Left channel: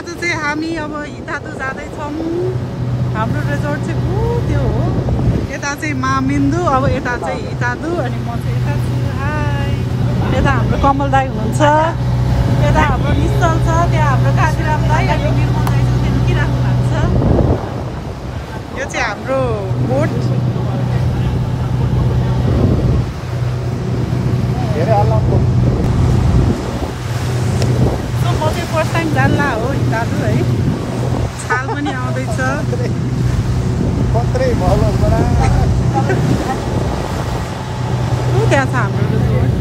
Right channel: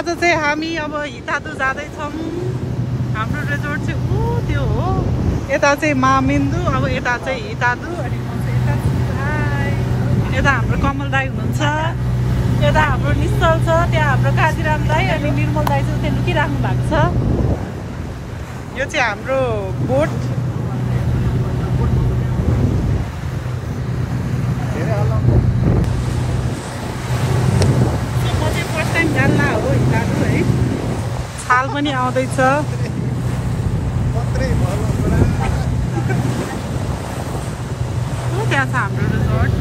आज चाहिँ हामी अब हितादु जाँदैछौँ। हाम्रो रिजोर्ट चाहिँ त्यो हो। यता चाहिँ मामिन्दु, अब यता चाहिँ हितादु, अनि म चाहिँ यता छु। हाई, यता हाम्रो कमल दाई हुनुहुन्छ, यता हाम्रो निश्चल छ, त्यहाँ हाम्रो काजीराम दाई अनि निर्मल दाई चाहिँ त्यहाँ निकिराख्नु भएको छ। यो चाहिँ हाम्रो बोट। म चाहिँ फर्स्ट टाइम जान्ला हो हितादु है। छाल पनि आउँदैछ। त्यहाँ छ हाम्रो रिजोर्ट।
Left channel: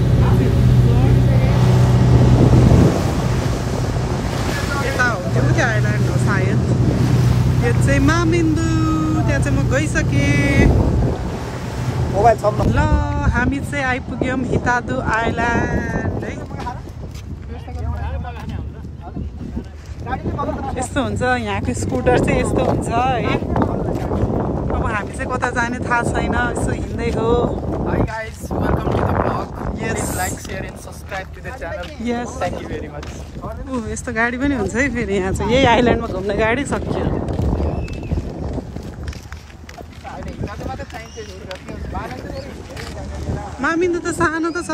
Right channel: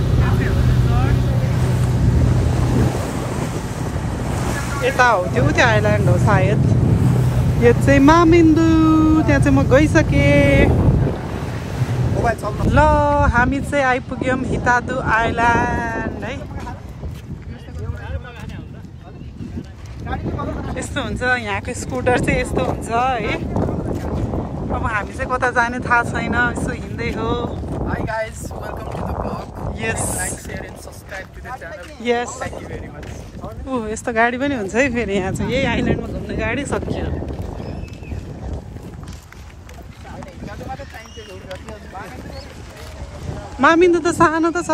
यता हो त्यो आइल्यान्ड हो सायद। यो चाहिँ मामिन्दु। त्यहाँ चाहिँ म गइसकेँ। ल हामी चाहिँ आइपुग्यौँ हितादु आइल्यान्ड है। यस्तो हुन्छ यहाँको स्कुटर चाहिँ यस्तो हुन्छ है। अब हामी चाहिँ कता जाने थाहा छैन, यसो हिँड्दै हो। Hi guys, welcome to the vlog. Yes. Like, share and subscribe to the channel. Yes. Thank you very much. यस्तो गाडी पनि हुन्छ है फेरि यहाँ चाहिँ। यही आइल्यान्डमा घुम्ने गाडी सकियो। मामिन्दु त सानो त छ।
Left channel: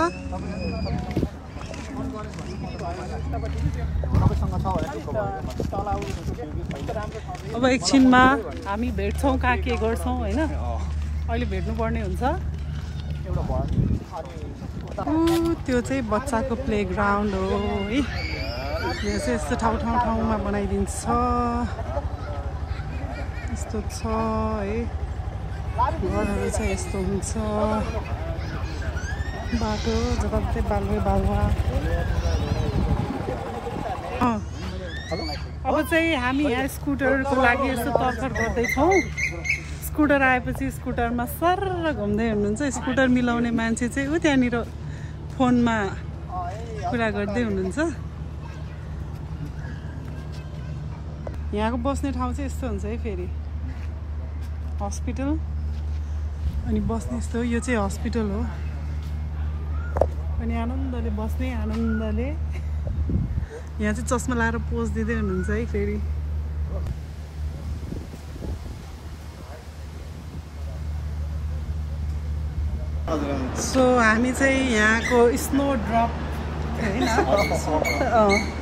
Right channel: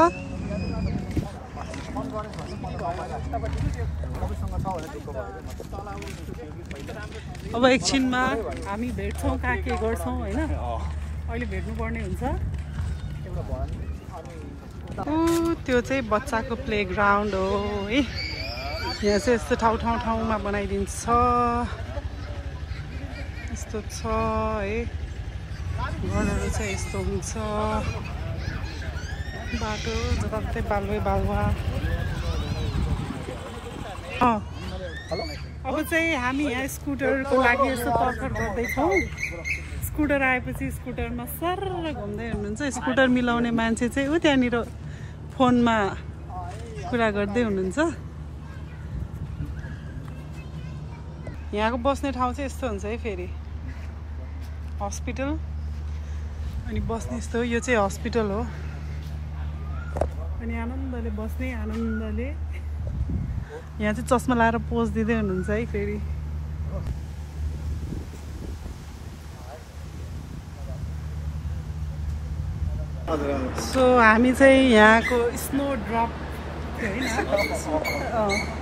अब एकछिनमा हामी भेट्छौँ, कहाँ के गर्छौँ होइन। अहिले भेट्नुपर्ने हुन्छ। त्यो चाहिँ बच्चाको प्लेग्राउन्ड हो है। यहाँ चाहिँ यस्तो ठाउँमा बनाइदिन्छ। यस्तो छ है। घरहरू चाहिँ यस्तो हुन्छ। बाटो जताततै बालुवा। अब चाहिँ हामी यहाँ स्कुटरको लागि यस्तो तर्खर गर्दैछौँ। स्कुटर आएपछि स्कुटरमा सर्र घुम्दै हुनुहुन्छ। स्कुटर मिलाउने मान्छे चाहिँ ऊ त्यहाँनिर फोनमा कुरा गर्दै हुनुहुन्छ। यहाँको बस्ने ठाउँ चाहिँ यस्तो हुन्छ है फेरि। हस्पिटल अनि बस्ने यस्तो। यो चाहिँ हस्पिटल हो। अनि आनन्दले बस्ने, आनन्दले। यहाँ चाहिँ चस्मा लाएर पोज दिँदै हुनुहुन्छ है फेरि। सो हामी चाहिँ यहाँको स्नो ड्रप होइन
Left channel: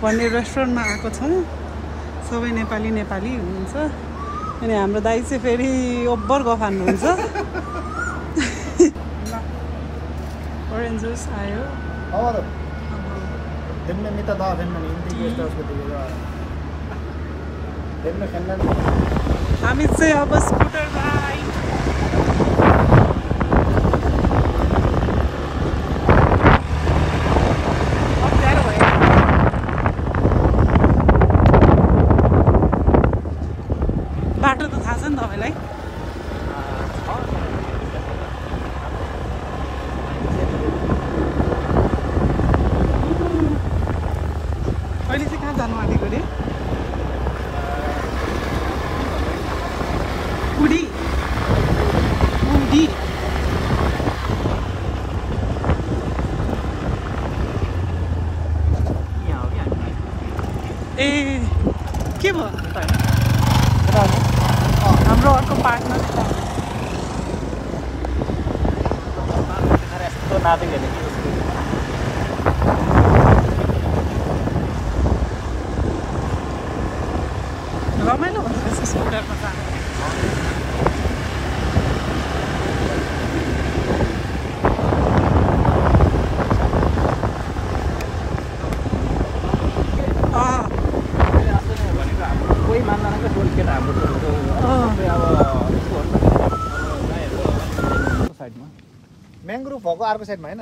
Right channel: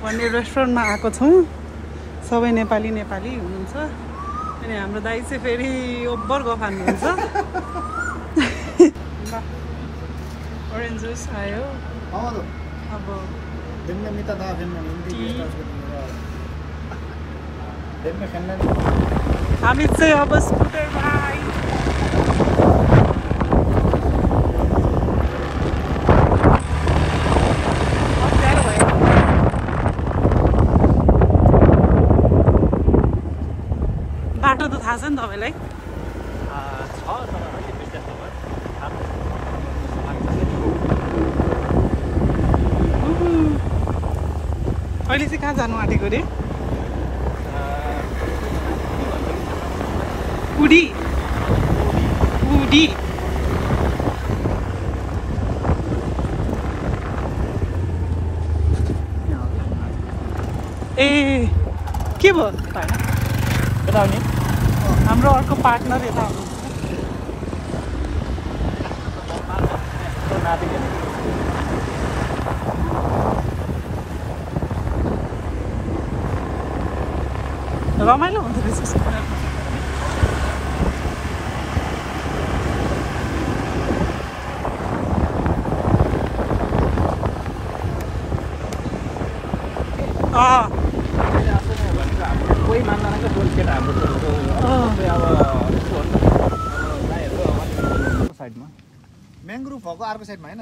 भन्ने रेस्टुरेन्टमा आएको छौँ। सबै नेपाली हुनुहुन्छ। अनि हाम्रो दाइ चाहिँ फेरि ओभर गफ हान्नुहुन्छ। ल ओरेन्ज जुस आयो। अब हामी चाहिँ अब स्कुटरमा आयौँ। बाटो त थाहा छ नि तपाईँलाई। अहिले चाहिँ कहाँ जानु आँटेको अरे? कुडी ए के भयो? हाम्रो अर्को पार्टनर यता रमाइलो हुन्छ रहेछ स्कुटरमा जाँदा। कोही मान्दैन बोल केटा हाम्रो म्याङ्ग्रोभ भएको अर्को साइडमा होइन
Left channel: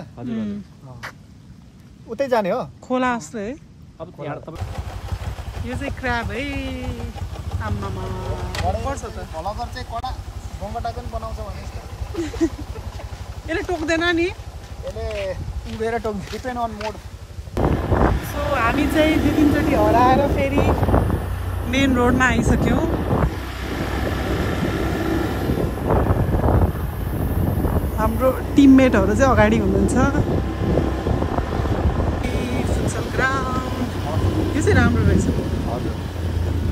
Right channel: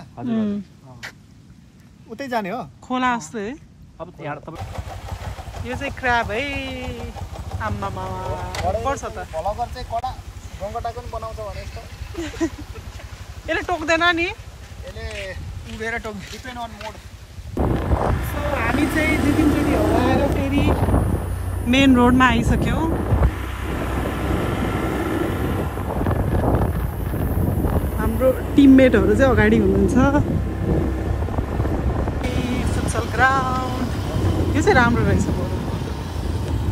उतै जाने हो खोला जस्तो है। यो चाहिँ क्र्याब है। आम्मामा पर्छ त। यसले टोक्दैन नि। यसले उडेर टोक्छ डिपेन्ड अन मोड। सो हामी चाहिँ 2-3 चोटि हराएर फेरि मेन रोडमा आइसक्यौँ। हाम्रो टिममेटहरू चाहिँ अगाडि हुनुहुन्छ। फुटसल ग्राउन्ड यो चाहिँ राम्रो रहेछ।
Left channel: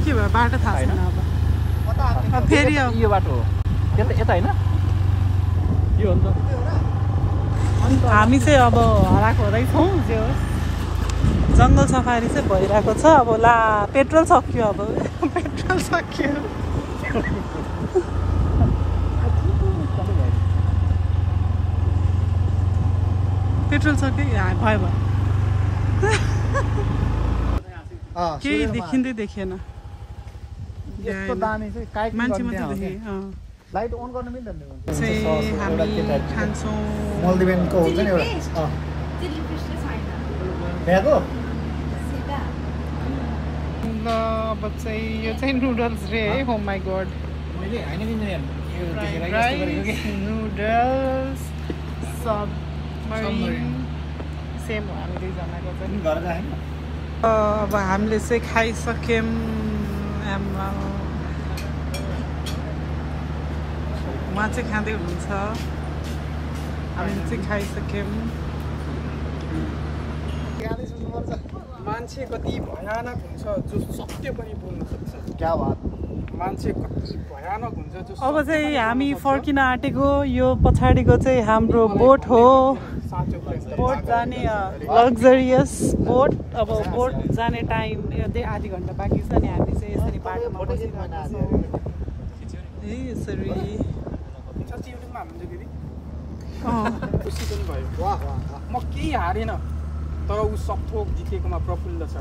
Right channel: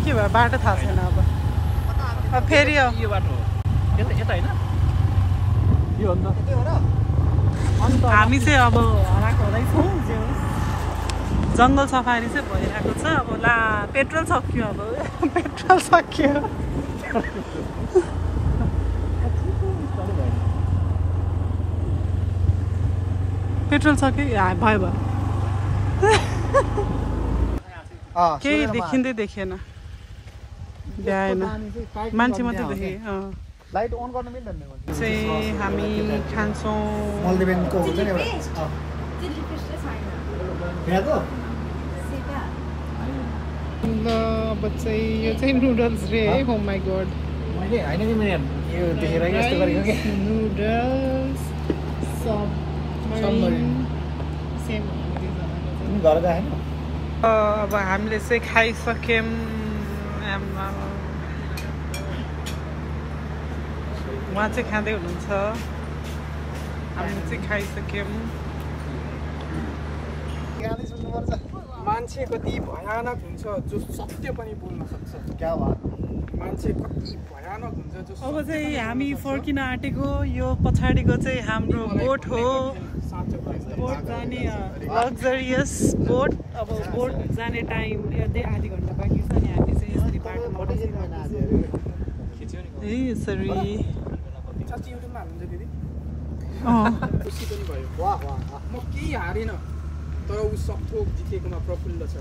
के भयो बाटो थाहा छैन अब फेरि यो बाटो हो यता यता हैन यो हो नि त हामी चाहिँ अब हराएको छौँ जे होस् जङ्गल सफारी चाहिँ भइरहेको छ अब ला पेट्रोल सक्यो अब पेट्रोल सक्यो पेट्रोल सक्यो भयो केही देखिँदै देखेन मान्छे मात्रै देखेँ लाइट अन गर्न मिल्दैन चाहिँ हामी खान्छौँ मल्दिबेनको हुन्छ नि एउटा यहाँको ल अब चाहिँ यो चाहिँ नुडल्स रे है हो माई गॉड मैले हैन नि मैले यो देखेर यस्तो गरेको के नुडल्स सबमरिन सेम हामीले जनाको छ घर गएन अब हामीले चाहिँ खाइसक्यौँ उहाँ चाहिँ खाँदै हुनुहुन्छ हामीले चाहिँ खाइसक्यौँ मान्छे कति भयानक हुन्छ जो सत्य पनि बोल्न सक्छ क्या भयो मान्छे कति भयानक हुन्छ जो अब चाहिँ हामी फर्किन आँटेको यो पछाडिको चाहिँ हाम्रो बोट हो बोट जाने लग्जरियस बोट अब बोट जाने टाइम आधी घन्टा बाँकी छ नि हामी चाहिँ यसरी बाटोमा बसिरहेको छौँ यसरी साँच्चै युट्युबमा हाल्नुहुन्छ दिदी अँ खुसी पनि भयो वाह वाह म केही हारेन तर ऊ सबथोक जितेकोमा प्रफुल्ल छ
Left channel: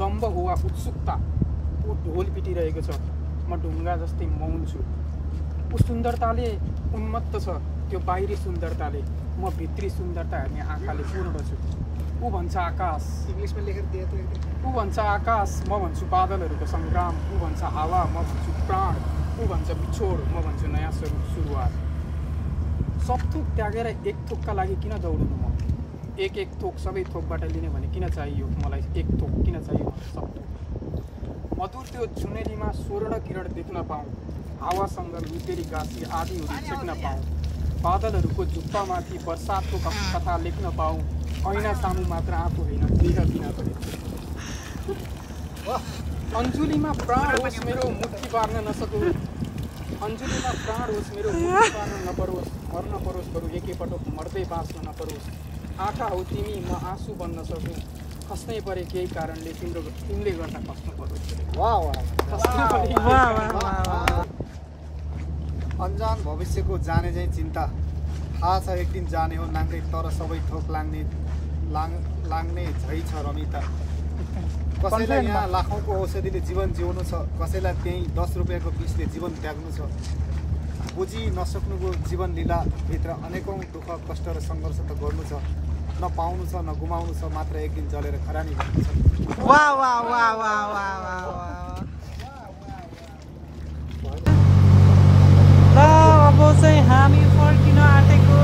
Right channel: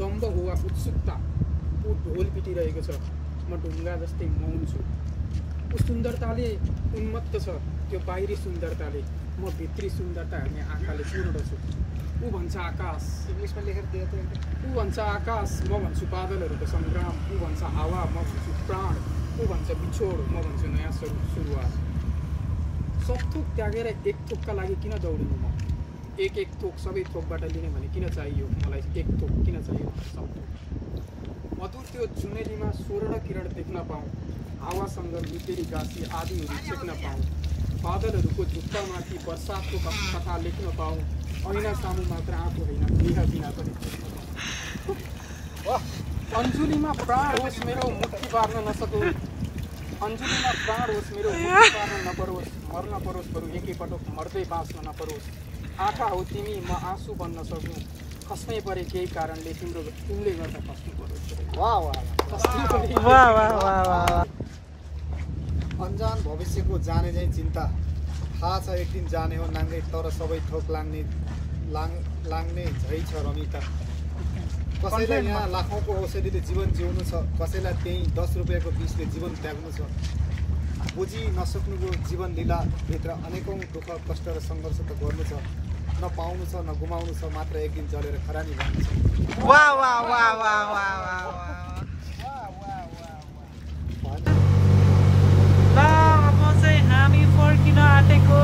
दम्ब हो वा उत्सुकता ऊ ढोल पिटिरहेको छ म ढुङ्गा जस्तै मौन छु ऊ सुन्दरताले उन्मत्त छ त्यो बाहिरी सुन्दरताले म भित्री सुन्दरता हेर्ने आँखाले पूर्ण छु ऊ भन्छ आकाश इङ्ग्लिसमा लेखेर दिए त ऊ भन्छ आकाश म भन्छु बादलहरूको सङ्ग्राम ऊ भन्छ हावा म भन्छु प्राण ऊ भन्छ बिछोड म भन्छु नयाँ सुरुवात सब थोक त्यागेर एक थोकका लागि किन दौडिनु म एक थोक सबै थोकबाट लिने भने किन चाहियो मलाई एक थोक किन चाहियो सब थोक मधुर त्यो जुनेलीमा स्वर्ण किरण देख्न पाऊँ हावासँग लुतेरी गाँसी आदिहरू छेक्न पाऊँ बादलहरूको झुप्पामाथि बर्सातको कथा लेख्न पाऊँ ऐना सामु मात्र आफू होइन देह बिना पनि अन्जुलीमा प्राण होस् मेरो मुक्ति पार्न नसकोस् अन्जुलीमा प्राण होस् मेरो मुक्ति पार्न नपरोस् मर्न परोस् बरु एकैपटक मर्दै बाँच्न नपरोस् आँखा हो तिमी म आँसु बन्न सकौँ खस्नै परे केही कारणले तिमीले गर्दा खस्नु परोस् अन्जान भविष्यको जाने चाहिँ चिन्ता थाहा छ एक दिन जाने हो नाङ्गै तर सबै थोक लाग्ने झै छ रमिता कसैलाई यहाँ लाखौँको औषधिले जीवन जिउनु छ कसैलाई त्यही 10 रुपियाँको विषले जीवन त्याग्नु छ बुझी नसक्नुको जीवन लीला भित्र अनेकौँ दुःख कष्ट र सङ्घर्ष त गर्नु छ न पाउनु छ न गुमाउनु छ मात्र एक दिन जलेर खरानी भन्नु छ ल अब चाहिँ हामी फर्किन आँटेको